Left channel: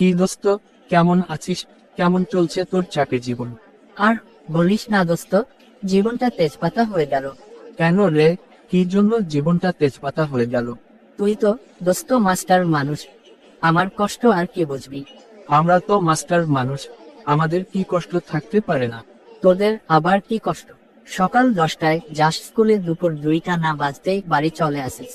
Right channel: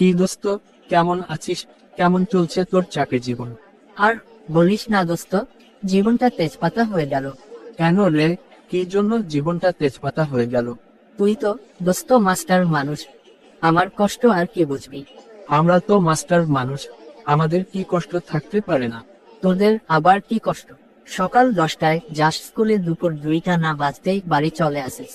কি দোস্ত, কেমন আছিস? কেমন চলছে তোর চাকরি জীবন? আর বলিস না দোস্ত, জীবনটা তেজপাতা হয়ে গেল। কেন রে, কি জন্য জীবনটা তেজপাতা হয়ে গেল? তুই তো দোস্ত মাস্টার মানুষ, আমার কষ্ট আর কি বুঝবি। আমরা তো মাস্টার মানুষ, আমাদের কি কষ্ট থাকতে পারে না? তোদের আবার কি কষ্ট? সকাল 10টায় যাস স্কুলে, দুপুর 2টা না বাজতেই বাড়ি চলে আসিস।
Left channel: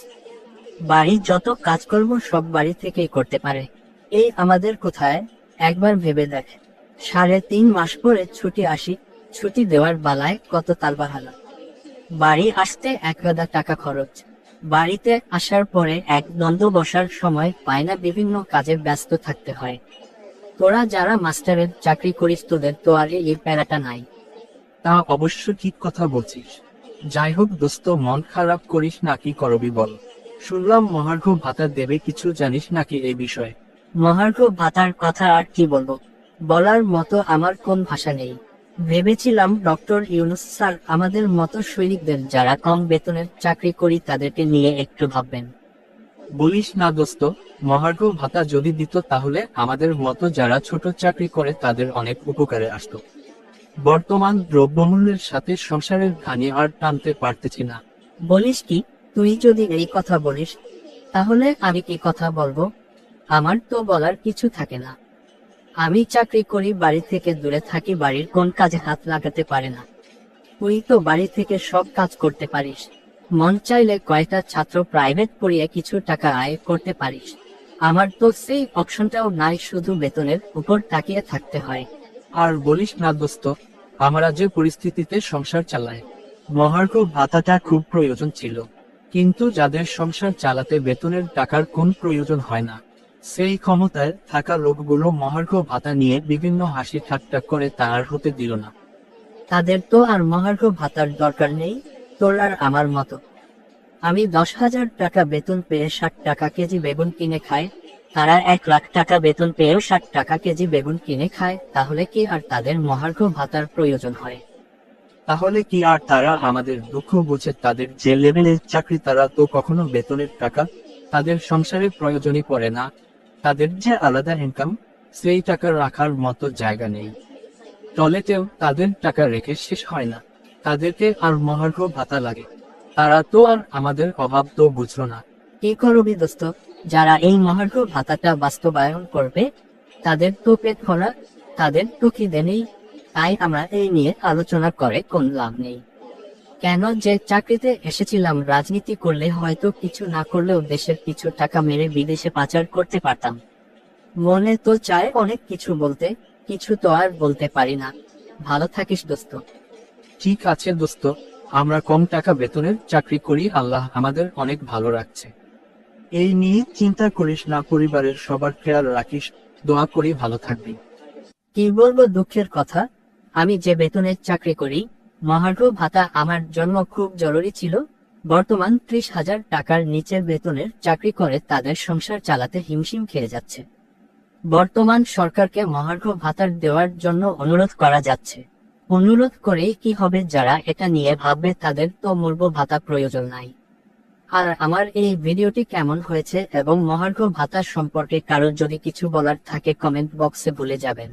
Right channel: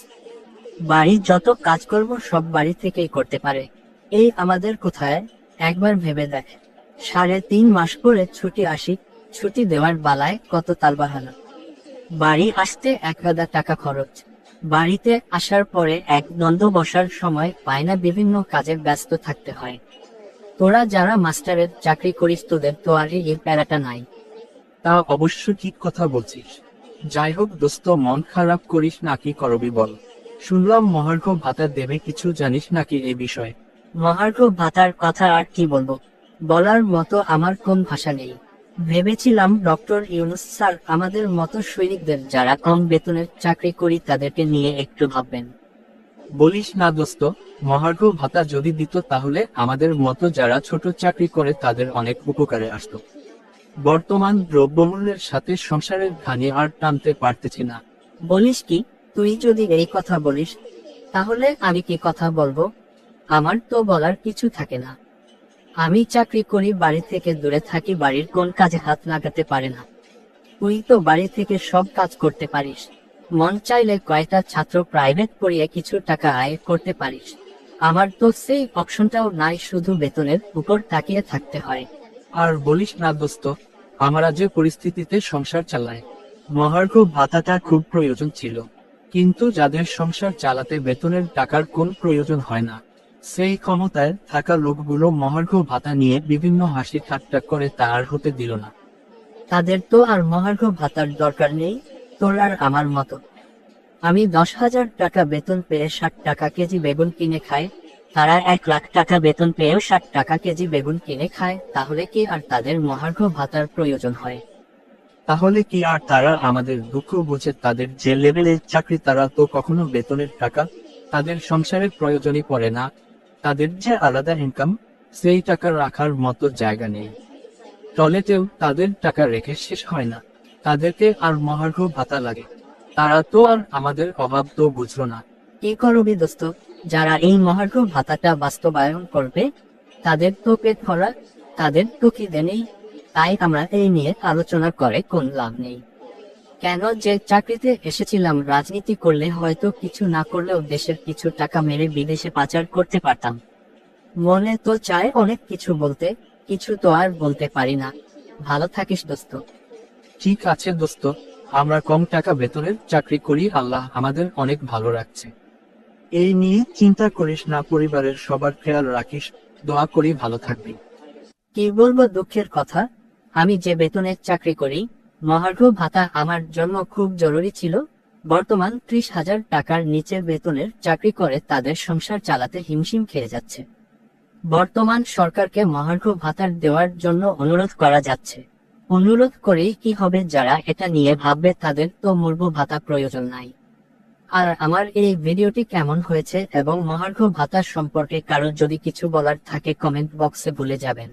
বাড়ির যত কাজকর্ম সব বাড়ি থেকেই করতে পারে। এই আমাদের কোথায়? একবার ভেবে দেখ, 3.5 মাস পরে ছুটি আসি, ছুটি দেওয়ার বেলায় কত তালবাহানা। বাড়ি আসতে 1,000 টাকা খরচ, বাড়িতে আসার পরে এক দ্বন্দ্ব বসার সময় পায় না, বিভিন্ন কাজে ব্যস্ত থাকতে হয়। তোরা যারা মাস্টারের চাকরি করিস তোদের তো আর এই প্যারাটা নাই। তা অবশ্য ঠিক কথা বলছিস। যাই হোক দোস্ত, মন খারাপ করিস না, কি করবি বল? শুনলাম মহার্ঘ ভাতা দেবে, কিছু জানিস নাকি এই বিষয়ে? মহার্ঘ ভাতার কথা আর কি বলবো, বলার মতো আমার কোন ভাষা নেই। ভেবেছিলাম ডক্টর ইউনূস স্যার আমাদের মতো সৈনিকদের যারা কম বেতনের চাকরি করি তাদেরকে নিয়ে একটু ভাববেন। বলিস না দোস্ত, মহার্ঘ ভাতা যদি দিত তাহলে আমাদের মতো যারা ছোট চাকরি করে তাদের অনেক উপকারে আসতো। বর্তমান দ্রব্যমূল্যের সাথে সংসারের ঘানি আর টানতে পারতেছি না। বলিস কি? তুই যদি এই কথা বলিস তাহলে আমি কি কথা বলবো? আমার তো বলার কিছু থাকে না। আমি চাকরি করি, বাড়ি থেকে দূরে থাকি, বাড়ির কোন কাজে হাত লাগাতে পারে না। তুই তো বাড়ি থেকে সব কাজ করতে পারিস, মন চাইলে কয়েকটা ছাত্র প্রাইভেট পড়িয়ে কিছু টাকা আয় করতে পারিস। আমার তো সেই অপশনটাও নাই, শুধু বেতনের উপর তাকিয়ে থাকতে হয়। আর বলিস না দোস্ত, আমরা যে পরিস্থিতিতে সংসার চালাই, মহার্ঘ ভাতাটা খুব প্রয়োজন ছিল। কিন্তু যাদের সংসার চালাতে বেতনের টাকার কোন প্রয়োজন হয় না, সেই ক্ষমতায় থাকা লোকগুলো মহার্ঘ ভাতা নিয়ে বিভিন্ন হাসি ঠাট্টা করে, তা আর হতে দিল না। তাদের তো আর মহার্ঘ ভাতার দরকার নেই, তোর আর আমার মতো। আমি 10,000 টাকা বেতন পেয়ে 60 টাকা কেজি বেগুন কিনে খাই, তারা 1 লাখ টাকা বেতন পেয়েও 60 টাকা কেজি বেগুন কিনে খায়, তাহলে কি আর তাদের মহার্ঘ ভাতার প্রয়োজন হয়? তাহলে কি আর তারা আমাদের দুঃখ বোঝে? তাদের যে লেভেলের চাকরি, তারা তো কখনো বেতনের টাকা তাদের সংসারে প্রয়োজনই পড়ে না। তাদের যে আলাদা ইনকাম, সেই টাকা রাখার মতো জায়গা নেই। টয়লেটেও তাদের টাকা রেখে শেষ হয় না, তাদেরকে আর মহার্ঘ ভাতা লাগে। তারা তো আর আমাদের অভাব তো বুঝলো না। কি করবি দোস্ত, যারা এই মহার্ঘ ভাতাটা বাস্তবায়ন করবে তাদের তো পেট ভরা, তাদের তো খিদে নেই। তাই আমরা এই নিয়ে আলোচনা করে কোন লাভ নেই। কেন যে চাকরিতে এসেছিলাম, রাজনীতি করলে হয়তো কিছু না করলেও দেশের কিছু টাকা মেরে বিদেশে পাচার করতে পারতাম। মনে তো চায় অনেক কিছু বলতে, কিছু তো আর বলতে পারি না। ভালো থাকিস দোস্ত। ঠিক আছে দোস্ত, আমরা কম টাকা বেতনের চাকরি করি, আল্লাহ আমাদের অনেক ভালো রাখছে। এই নিয়ে চিন্তা করিস না, পরিবারের সবার খেয়াল রাখিস। দোয়া করি ভালো থাকবি। কি বলবো দুঃখের কথা, আমি যে বেতনে চাকরি করি, মহার্ঘ ভাতা আমার জন্য খুব জরুরি ছিল। বর্তমান 30,000 টাকার নিচে বেতনের চাকরি করে তাদের সংসার চালাতে হিমশিম খেয়ে যাচ্ছে। বর্তমান সরকারকে মহার্ঘ ভাতার দেওয়ার জন্য অনুরোধ করা যাচ্ছে। অনুরোধ করেই কি হবে? যারা এটা নিয়ে ভাববে তাদের তো মূল্য ভাতা প্রয়োজন নাই। আর আমার এই ভিডিওটি কেমন হয়েছে এবং মহার্ঘ ভাতা সম্পর্কে কারো যদি কিছু বলার থাকে কমেন্ট বক্সে বলে যাবেন।